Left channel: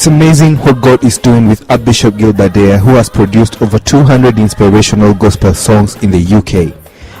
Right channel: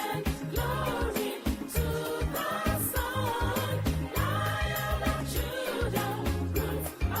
It's amazing what God is doing with Archbishop Gilbert Deya, who has produced over 200 inspirational gospel songs in the UK.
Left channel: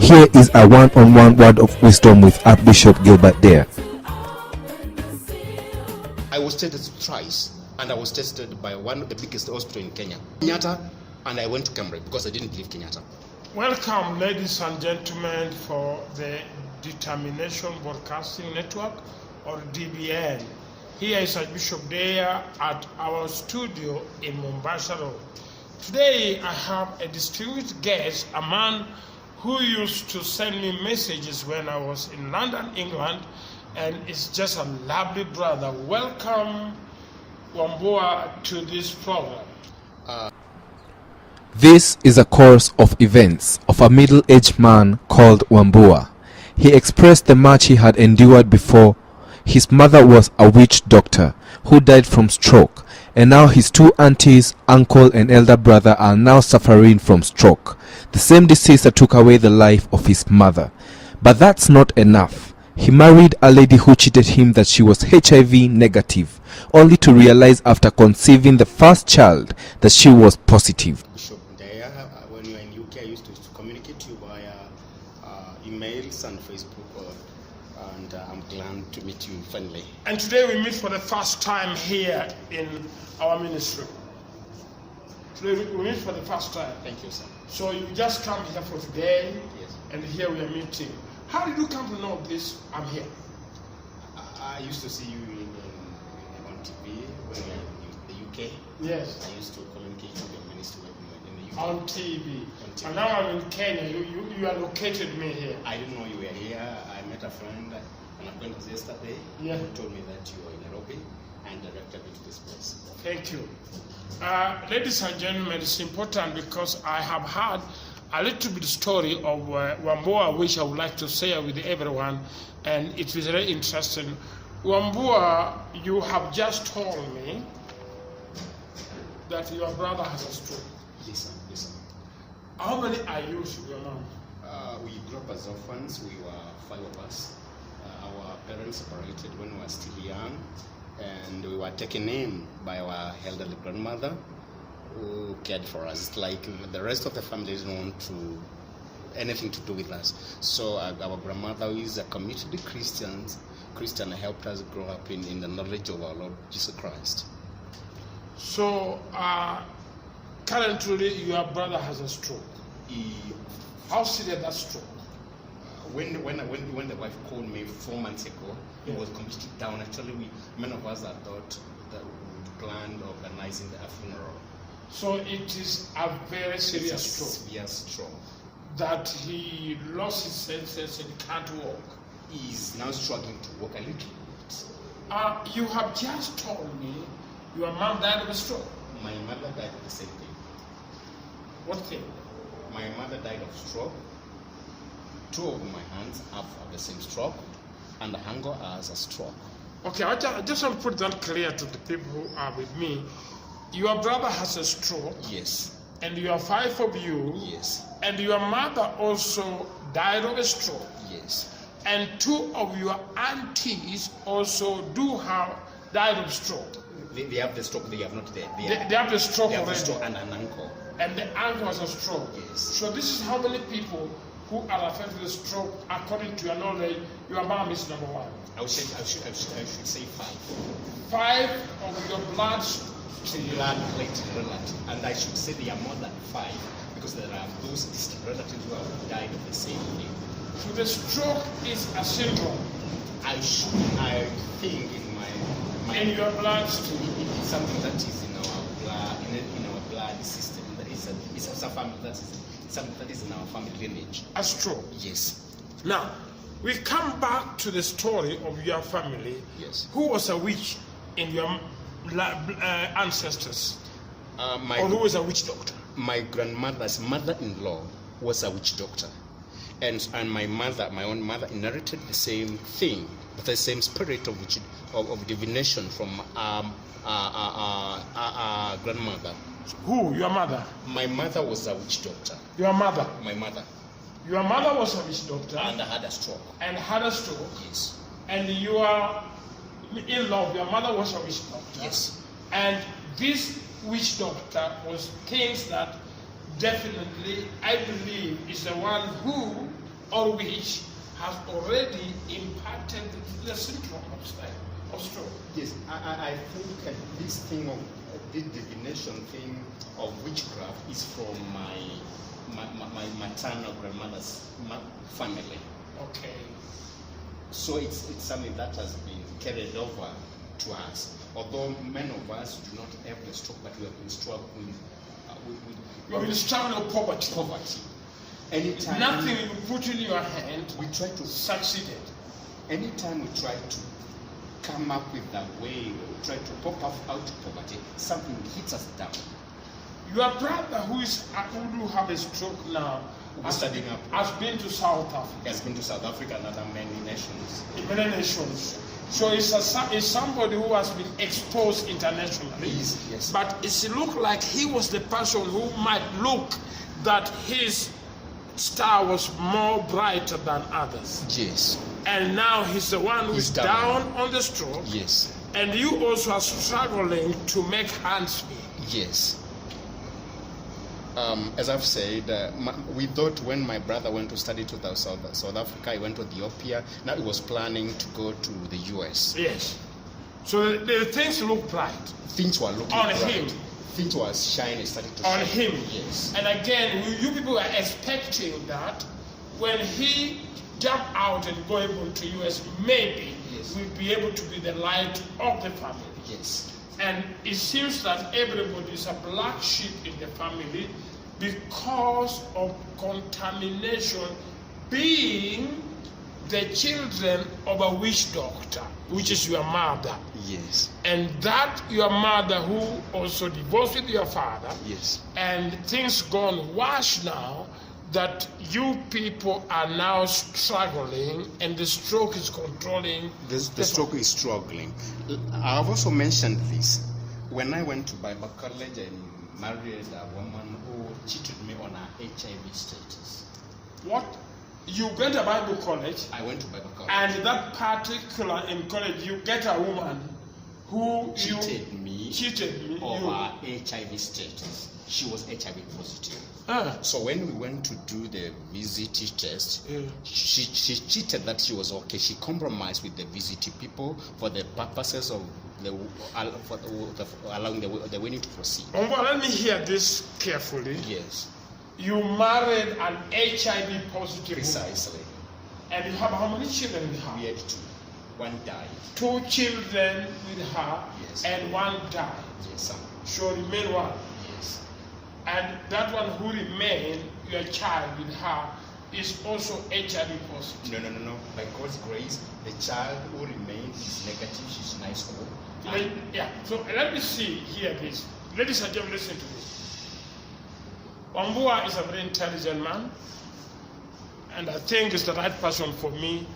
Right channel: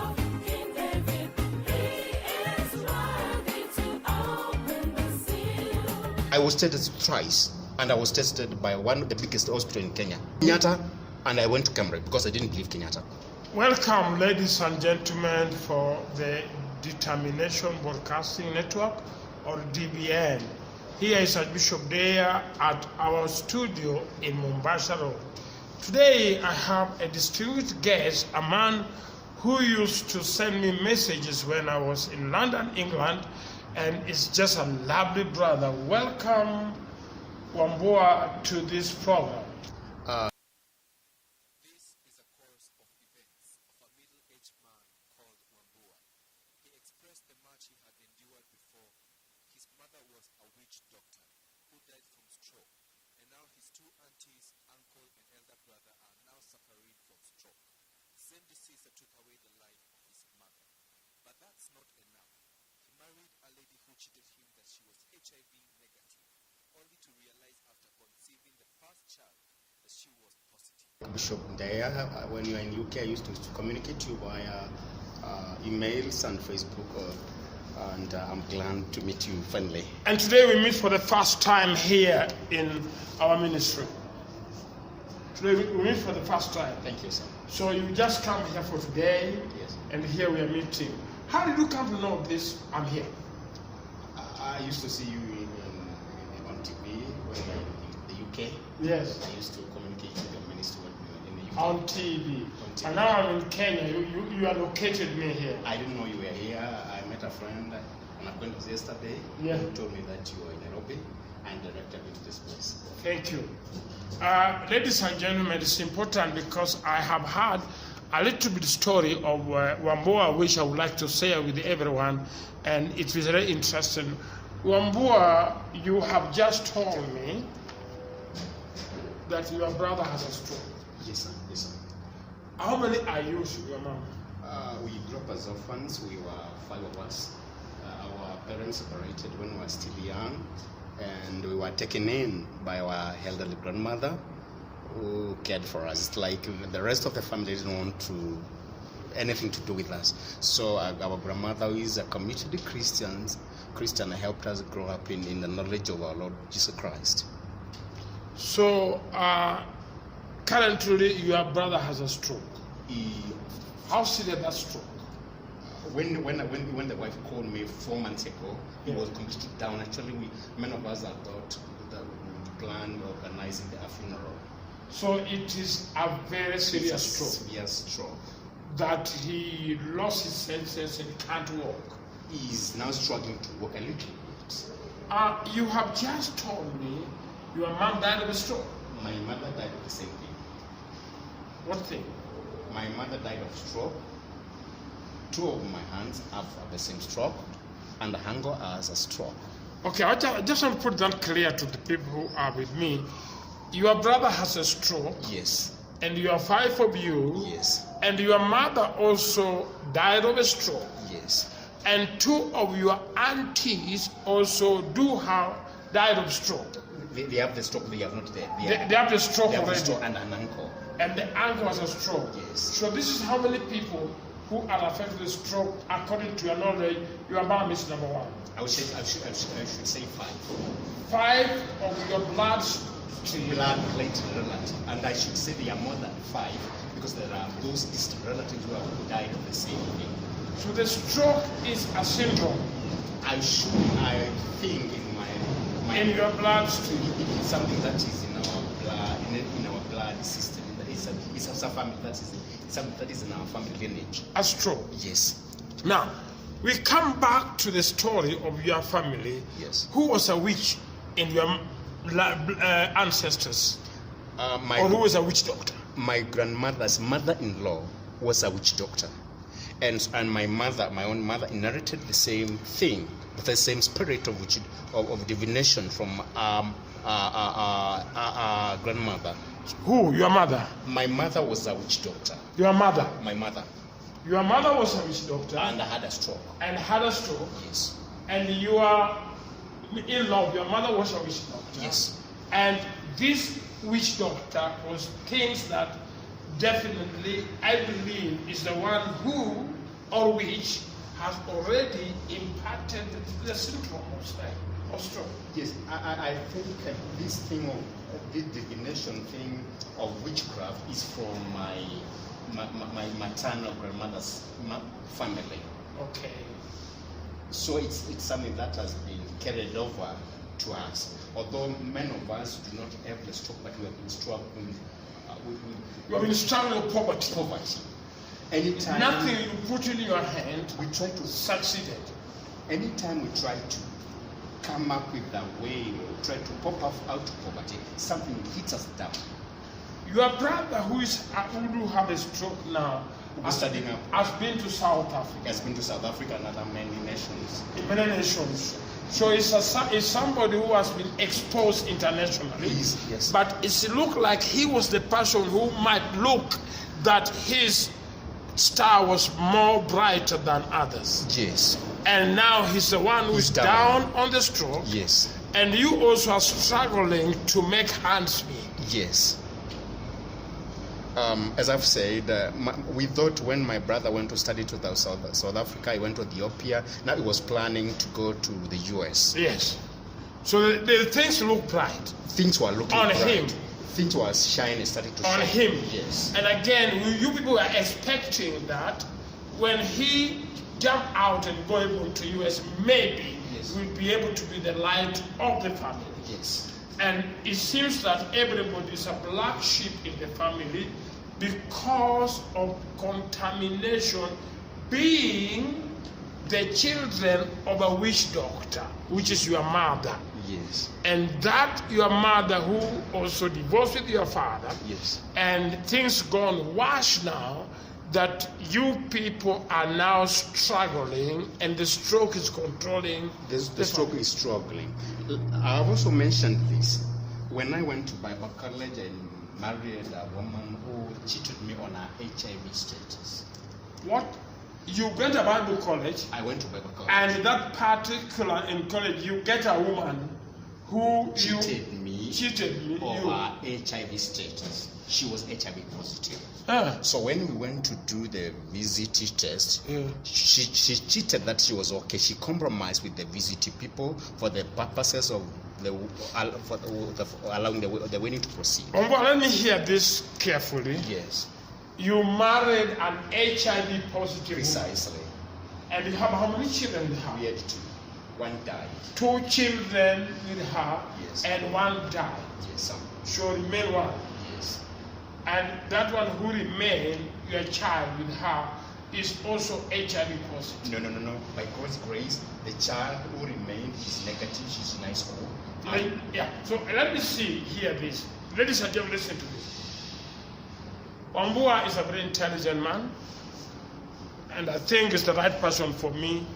Here is a one-on-one word of wisdom with Archbishop Gilbert Deya. I was tested twice, and I was tested by one of the biggest hospitals in Kenya, Kenyatta, and I went to Cambridge because I didn't believe Kenyatta. Welcome, ladies and gentlemen, for the Determination Broadcasting Network, or DBN. Here is Archbishop Deya at our studio in Mombasa Road. Today I have a distinguished guest, a man who used to send me messages when I was in London, England, and is just a lovely brother. Welcome, Wambua, to this program. This is a course of events of a middle-aged man called Wambua. He expressed the much he had endured before. His mother was a witch doctor who died from stroke, and now his two aunties, uncle and elder brother are now suffering from stroke, the same disease that took away the life of his mother. But that's not enough. He married a lady who cheated him that she was HIV negative, only to realize after conceiving the first child that she was positive. Bishop Deya, when you were in UK, I used to communicate to you via emails and Facebook, and I'm glad to meet you finally. And today we meet for the first time here in our ministry. Today we meet for the first time. Thank you, sir. So you just come here for today, Yes. and here we are meeting. How did you come to know this? I'm here. I used to see you on TV when you were in the UK. Yes. I used to communicate with your ministry in the UK. On TV. On TV. And now I'm in Kenya. You allocated me here. I didn't know you were here. I met a friend, an acquaintance yesterday, Yeah. who told me that you were in Nairobi and directed me to this place. Thank you. Ladies and gentlemen, it's important because I have heard a little bit story of Wambua, which I would like to share with everyone, and it was very interesting. Wambua, you have just told me that your brother has a stroke. Yes, sir. Yes, sir. How many are you, your mom? We grew up as orphans. We were 5 of us. Our parents separated when we were still young, and we were taken in by our elderly grandmother, who cared for us. It's like the rest of the family didn't want anything to do with us. So our grandmother, who is a committed Christian, helped us grow up in the knowledge of our Lord Jesus Christ. So currently your brother has a stroke. How serious that stroke? When the wife called me 4 months ago, he was completely down. Actually, many of us had thought that we would plan organizing the funeral. So it is a very serious stroke. Severe stroke. That he lost his senses and can't walk. He is now struggling to walk a little bit. You have just told me your mom died of a stroke. My mother died of the same thing. What thing? My mother died of stroke. 2 of my hands have the same stroke, and the hanger has a stroke. Okay, I just want to put that clear to the people who are with me. Your brother has a stroke. Yes. And you are 5 of you. Yes. And your mother also died of a stroke. Yes. And 2 of your aunties also died of stroke. They have the stroke. They have not. They have the stroke they have already. the stroke and an ankle. And the uncle has a stroke. Yes. So this is how many people who are affected with stroke, according to your knowledge. Your mom is number 1. I should say 5. 5 of your blood relative, and I should say there are more than 5 because there are those distant relatives who have died of the same thing. So the stroke is a syndrome. I think in your blood stream, it's something that is in our blood, in our blood system. It's a family that is something that is in our family lineage. A stroke. Yes. Now, we come back to the story of your family. Yes. Who was a witch in your ancestors? Or who was a witch doctor? My grandmother's mother-in-law was a witch doctor, and my own mother, inherited the same thing, the same spirit of divination from our grandmother. Who? Your mother? My mother was a witch doctor. Your mother? My mother. Your mother was a witch doctor. And had a stroke. And had a stroke. Yes. And your in-law, your mother was a witch doctor. Yes. And this witch doctor was things that definitely, I believe, is the one who or which has already imparted the syndrome of stroke. Yes, I think this thing of this divination thing of witchcraft is from my maternal grandmother's family. Okay. So it's something that has been carried over to us. Although many of us do not have the stroke, but we have been struggling You have been struggling with poverty. Poverty. Anytime nothing you put in your hand, we try to succeeded. Anytime we try to come up with a way, we try to pop up out of poverty, something hits us down. Your brother who do have a stroke now Studying up. has been to South Africa. He has been to South Africa and other many nations. Many nations. So it's somebody who has been exposed internationally. Yes. But it looked like he was the person who might look that his star was more brighter than others. Yes. And now he's the one who's down on the stroke. Yes. And you also are struggling to make hands meet. Yes. As I've said, we thought when my brother went to study to South Africa, he went to Ethiopia. Now he was planning to go to the US. Yes. So the things look bright. Things were looking on bright. Him. Things were shining, starting to on shine. On him. Yes. And again, you people are expecting that when he jump out and go into US, maybe will be able to be the light of the family. Yes. And it seems that everybody is a black sheep in the family because of contamination, being the children of a witch doctor, which is your mother. Yes. And that your mother who also divorced with your father. Yes. And things gone worse now, that you people are now struggling and the stroke is controlling. The stroke is struggling. I've also mentioned this. When I went to Bible college, I married a woman who cheated me on her HIV status. What? You went to Bible college? I went to Bible college. And that particular in college, you get a woman who cheated me on her HIV status. She was HIV positive. So when we went to do the VCT test, she cheated that she was okay. She compromised with the VCT people for the purposes of allowing the wedding to proceed. Let me hear this carefully. Yes. You married an HIV positive Precisely. woman. And you have how many children with her? We had two. One died. 2 children with her, yes. And one died. Yes, sir. So remain one. Yes. And that one who remained, your child with her, is also HIV positive. No. By God's grace, the child who remained is negative. She's nice. So let me see here this. Ladies and gentlemen, listen to this. Wambua is a very intelligent man, and I think it's the right person for me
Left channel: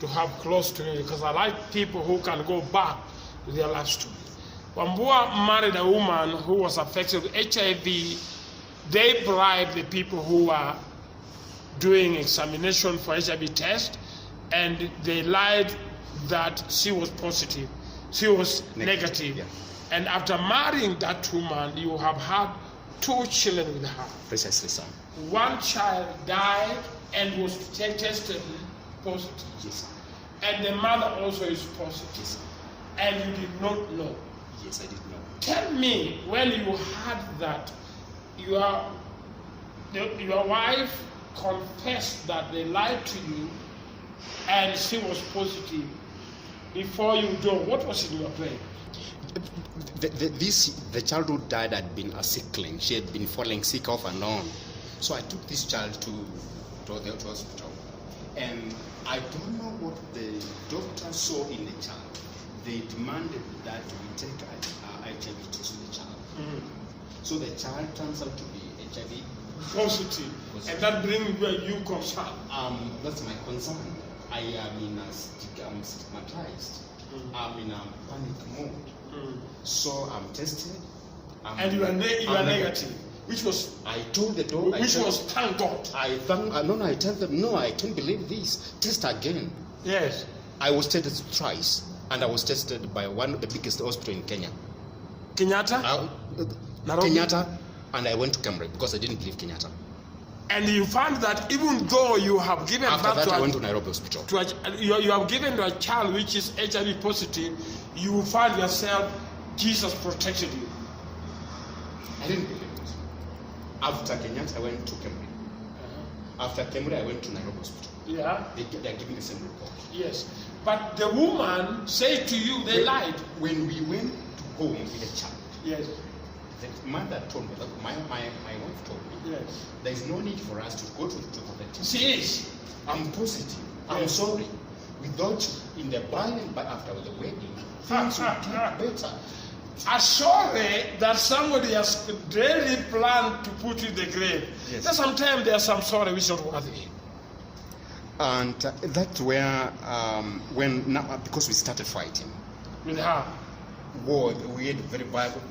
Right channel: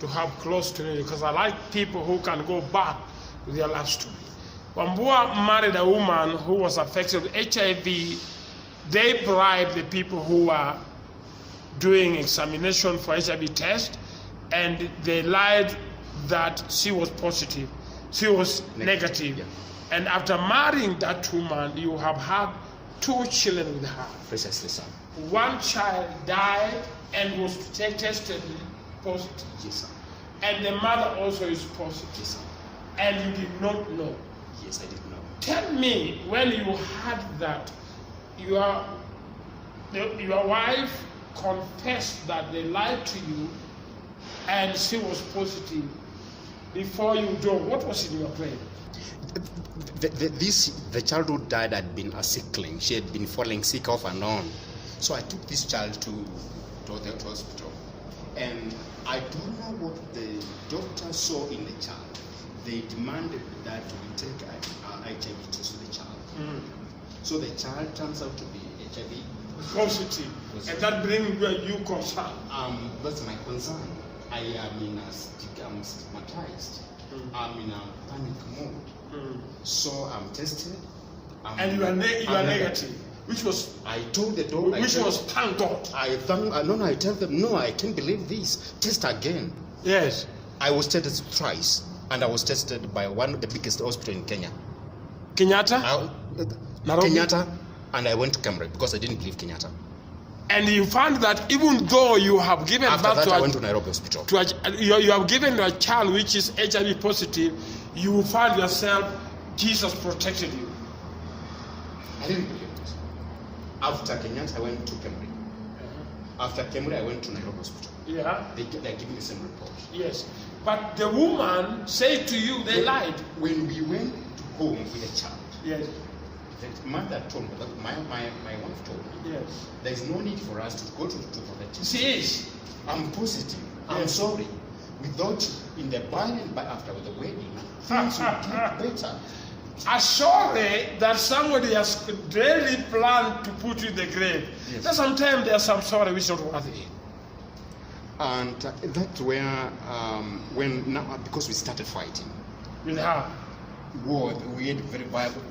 to have close to me because I like people who can go back to their life story. Wambua married a woman who was affected with HIV. They bribed the people who were doing examination for HIV test, and they lied that she was positive. She was negative. Yeah. And after marrying that woman, you have had 2 children with her. Precisely, sir. One child died and was tested positive. Yes, sir. And the mother also is positive. Yes, sir. And you did not know. Yes, I did know. Tell me, when you heard that, your wife confessed that they lied to you and she was positive. Before you do, what was in your brain? The child who died had been a sickling. She had been falling sick off and on. So I took this child to the hospital. And I don't know what the doctor saw in the child. They demanded that we take an HIV test with the child. So the child turns out to be HIV positive. And that brings you concern. That's my concern. I am I'm stigmatized. I'm in a panic mode. So I'm tested. And you are negative. Which was I told the doctor. Which was thank God. I tell them no, I can't believe this. Test again. Yes. I was tested twice, and I was tested by one of the biggest hospital in Kenya. Kenyatta? Nairobi? Kenyatta, and I went to Cambridge because I didn't believe Kenyatta. And you found that even though you have given After birth that, to I went to Nairobi Hospital. you have given a child which is HIV positive, you found yourself, Jesus protected you. I didn't believe it. After Kenyatta, I went to Cambridge. After Cambridge, I went to Nairobi Hospital. Yeah. They're giving me the same report. Yes. But the woman said to you, they lied. When we went to home with a child, Yes. the mother told me, that my wife told me, Yes. there is no need for us to go to the test. She is. I'm positive. I'm Yes. sorry. Without in the by and by after the wedding, things will get better. Assuredly that somebody has really planned to put you in the grave. Yes. That sometimes there's some sorry which is not worthy. And that's where, when now, because we started fighting, With her. war, we had very violent.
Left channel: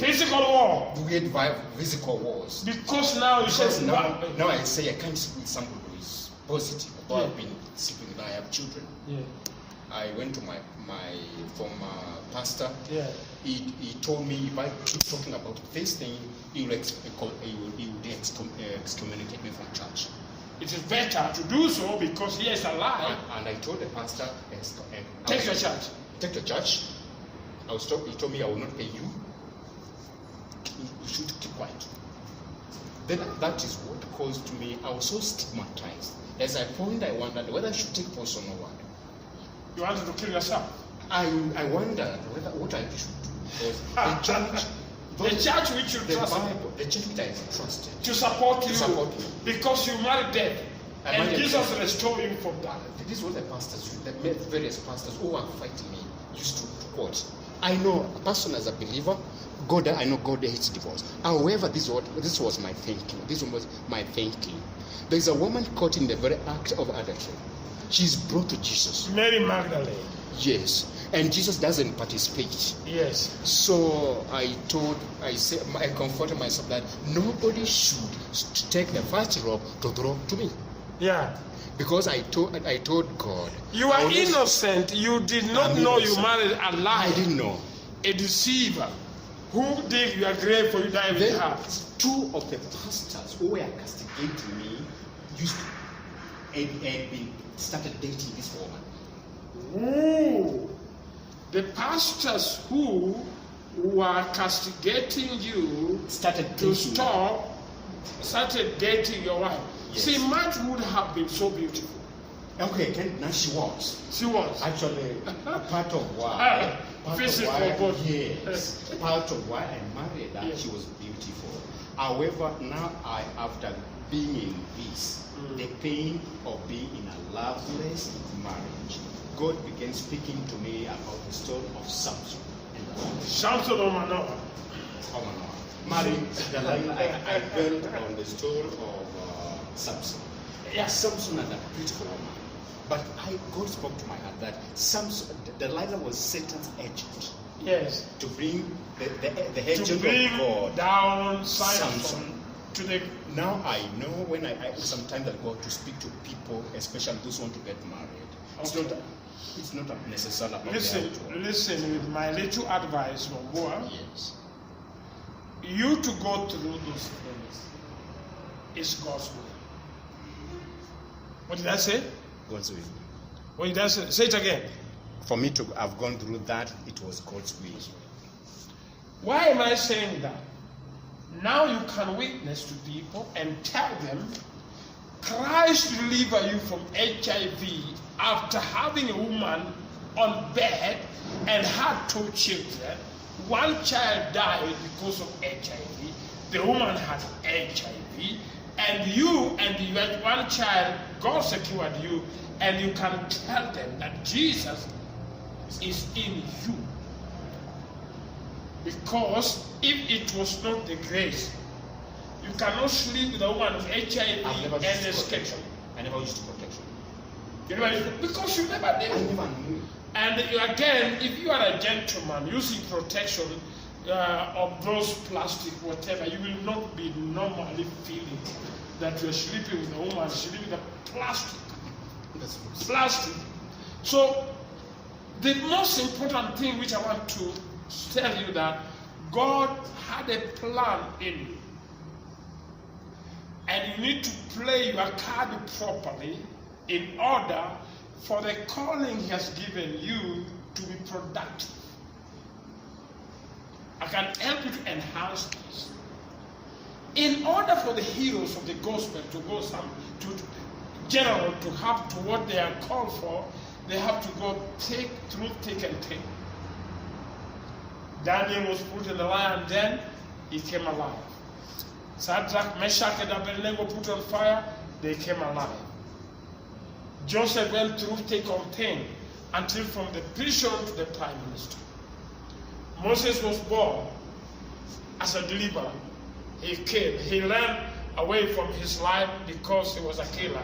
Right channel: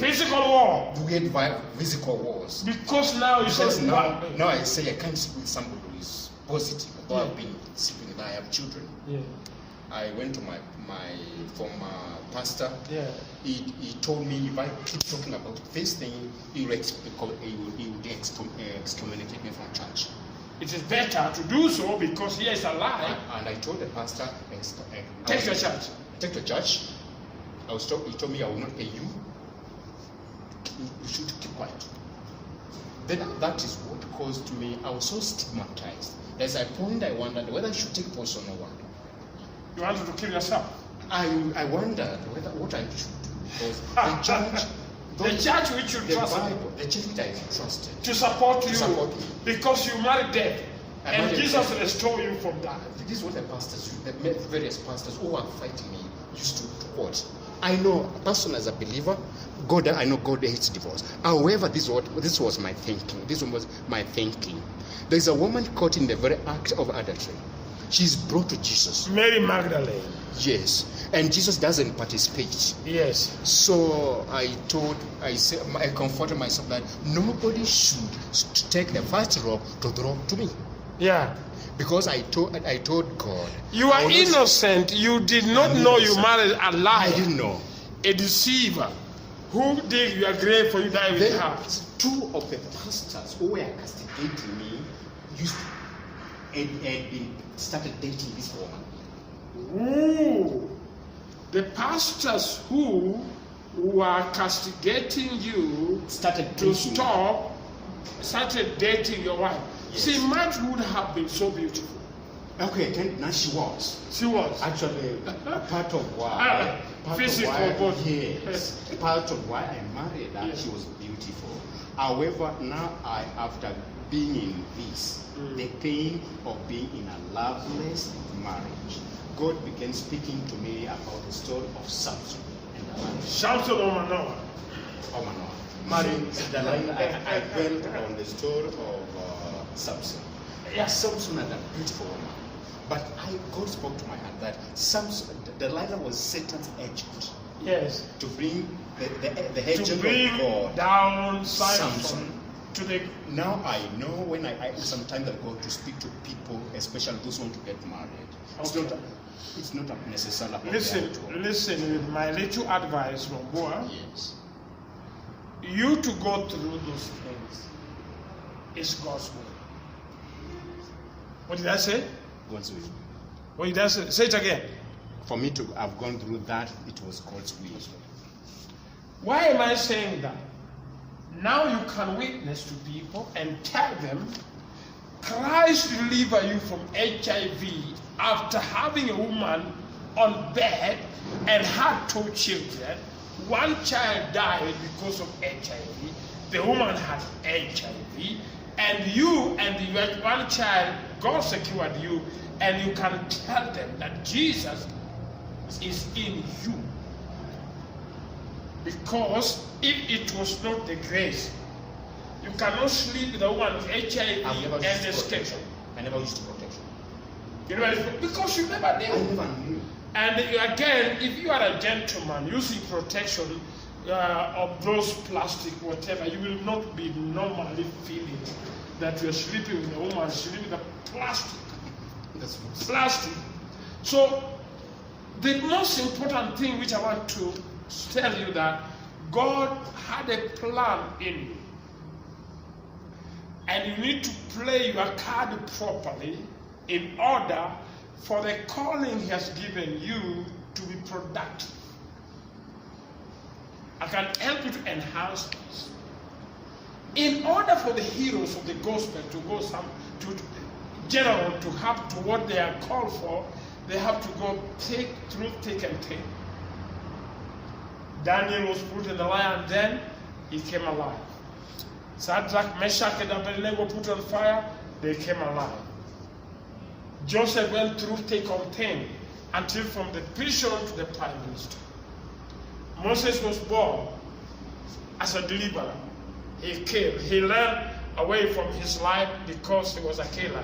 Physical war. We had physical wars. Because now you Because say now I say I can't sleep with somebody who is positive, although I've been sleeping with, I have children. Yeah. I went to my former pastor. Yeah. He told me if I keep talking about this thing, he will excommunicate me from church. It is better to do so because he is a lie. And I told the pastor, Take your church. Take the church. He told me I will not pay you. You should keep quiet. Then that is what caused me. I was so stigmatized. There's a point I wondered whether I should take post or no one. You wanted to kill yourself. I wondered what I should do because The church which you the trust Bible, the church which I trusted to support you support me. because you married death. I And married Jesus death. restored you from that. This is what the pastors, the various pastors who were fighting me used to quote. I know a person as a believer, I know God hates divorce. However, this was my thinking. This was my thinking. There's a woman caught in the very act of adultery. She's brought to Jesus. Mary Magdalene. Yes. And Jesus doesn't participate. Yes. So I comforted myself that nobody should take the first rope to throw to me. Yeah. Because I told God. You are innocent. You did not know you married a liar. I didn't know. A deceiver. Who dig your grave for you die with her? Two of the pastors who were castigating me had started dating this woman. Ooh. The pastors who were castigating you Started dating your wife. Yes. See, March would have been so beautiful. Okay, now she was. She was. Actually, part of why. Physical, yes. Part of why I married her, Yes. she was beautiful. However, now after being in this, the pain of being in a loveless marriage, God began speaking to me about the story of Samson and Delilah. Samson or Manoah. Marrying Delilah, I dwelt on the story of Samson. Yes, Samson and a beautiful woman. But God spoke to my heart that Delilah was Satan's agent. Yes. To bring the agent To bring of God down Samson. Samson to the. Now I know when I sometimes I go to speak to people, especially those who want to get married. Okay. It's not necessary about Listen with my little advice, Wambua. Yes. You to go through those things is God's will. What did I say? God's will. What did I say? Say it again. For me to have gone through that, it was God's will. Why am I saying that? Now you can witness to people and tell them Christ delivered you from HIV after having a woman on bed and had 2 children. One child died because of HIV. The woman had HIV. And you had one child, God secured you, and you can tell them that Jesus is in you. Because if it was not the grace, you cannot sleep with a woman with HIV and escape. I never used protection. Because you never knew. I never knew. And again, if you are a gentleman using protection of those plastic, whatever, you will not be normally feeling that you're sleeping with a woman sleeping with a plastic. Plastic. So, the most important thing which I want to tell you that God had a plan in you. And you need to play your card properly in order for the calling He has given you to be productive. I can help you to enhance this. In order for the heroes of the gospel to go to general to have to what they are called for, they have to go through thick and thin. Daniel was put in the lion den, he came alive. Shadrach, Meshach, and Abednego put on fire, they came alive. Joseph went through thick and thin until from the prison to the prime minister. Moses was born as a deliverer. He killed. He ran away from his life because he was a killer.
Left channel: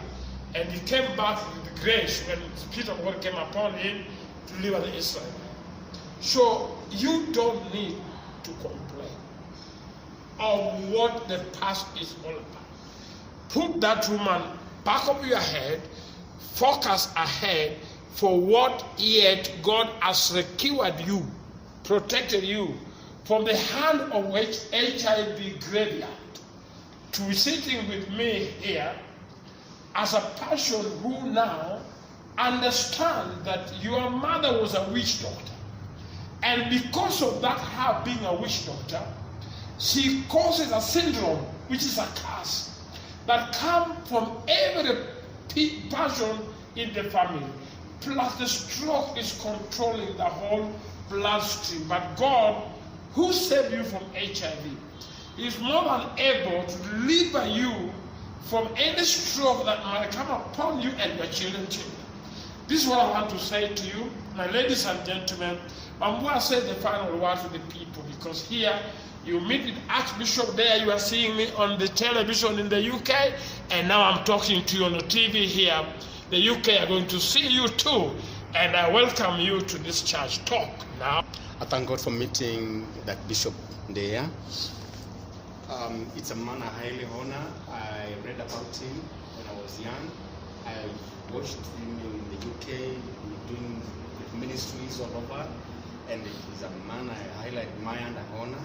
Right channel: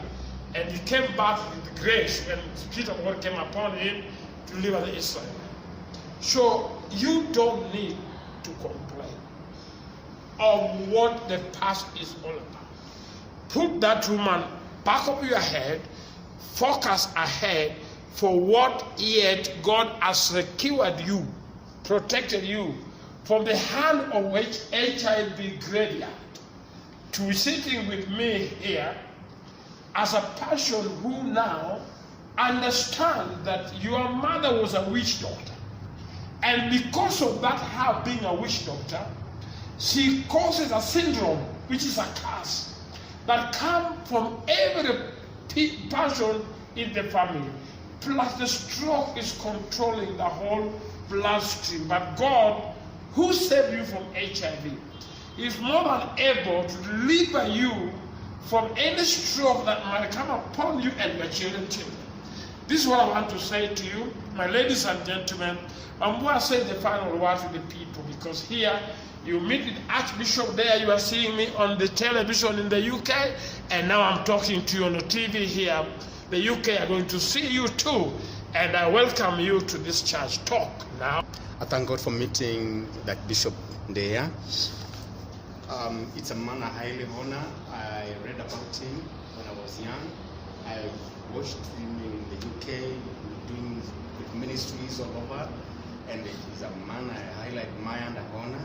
And he came back with grace when the Spirit of God came upon him to deliver the Israelites. So you don't need to complain of what the past is all about. Put that woman back of your head, focus ahead for what yet God has secured you, protected you from the hand of which HIV graveyard to sitting with me here as a person who now understands that your mother was a witch doctor. And because of that, her being a witch doctor, she causes a syndrome, which is a curse, that comes from every person in the family. Plus the stroke is controlling the whole bloodstream. But God, who saved you from HIV, is more than able to deliver you from any stroke that might come upon you and your children. This is what I want to say to you, my ladies and gentlemen. I'm going to say the final word to the people, because here you meet with Archbishop Deya. You are seeing me on the television in the UK, and now I'm talking to you on the TV here. The UK are going to see you too, and I welcome you to this church talk now. I thank God for meeting that Bishop Deya. It's a man I highly honor. I read about him when I was young. I watched him in the UK doing ministries all over, and he's a man I highly admire and honor.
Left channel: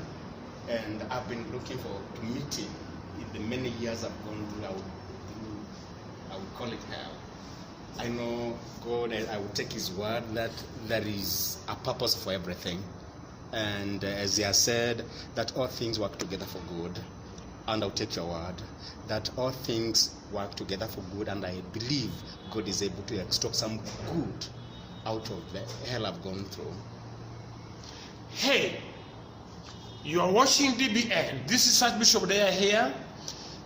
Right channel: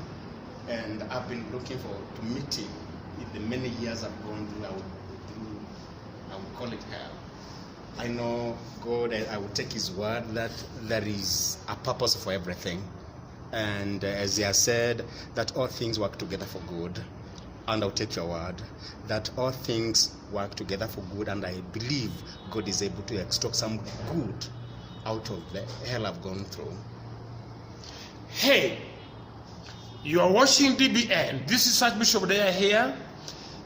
And I've been looking forward to meet him in the many years I've gone through. I would call it hell. I know God, I would take his word that there is a purpose for everything. And as he has said, that all things work together for good. And I'll take your word that all things work together for good. And I believe God is able to extract some good out of the hell I've gone through. Hey, you are watching DBN. This is Archbishop Deya here.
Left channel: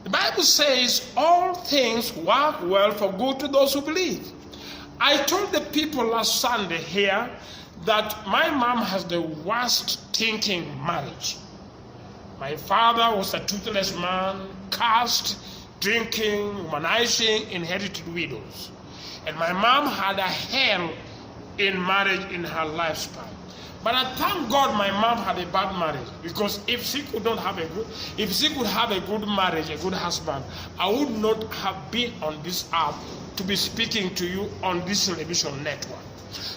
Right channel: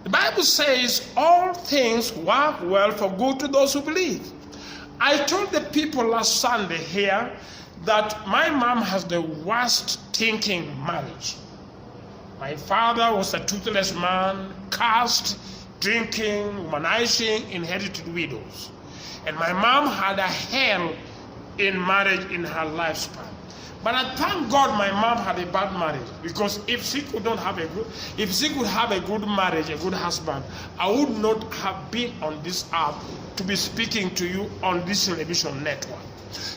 The Bible says all things work well for good to those who believe. I told the people last Sunday here that my mom has the worst thinking marriage. My father was a toothless man, cursed, drinking, womanizing, inherited widows. And my mom had a hell in marriage in her lifespan. But I thank God my mom had a bad marriage, because if she could have a good marriage, a good husband, I would not have been on this earth to be speaking to you on this television network.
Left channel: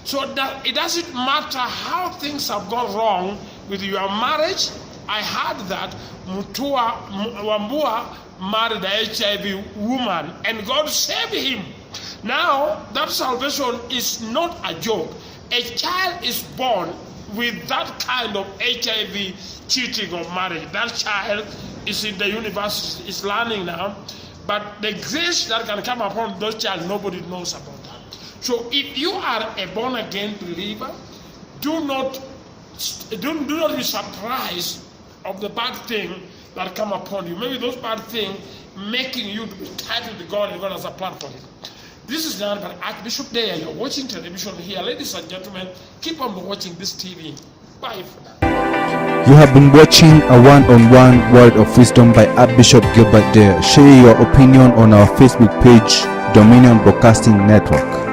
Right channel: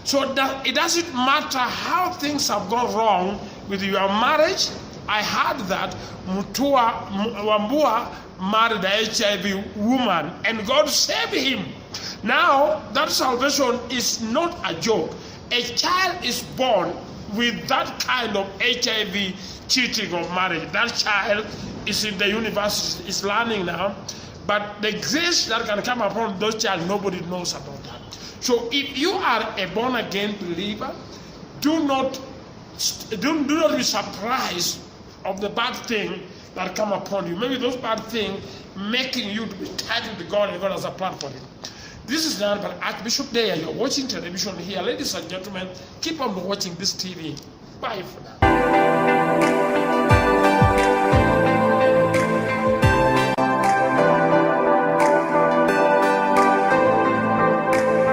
So that it doesn't matter how things have gone wrong with your marriage. I heard that Wambua married an HIV woman and God saved him. Now that salvation is not a joke. A child is born with that kind of HIV cheating of marriage. That child is in the university, is learning now, but the grace that can come upon those child, nobody knows about that. So if you are a born-again believer, do not be surprised of the bad thing that come upon you. Maybe those bad things making you to be tied with God, and God has a plan for it. This is done by Archbishop Deya. You're watching television here. Ladies and gentlemen, keep on watching this TV. Bye for now. You have been watching a one-on-one word of wisdom by Archbishop Gilbert Deya. Share your opinion on our Facebook page, Dominion Broadcasting Network.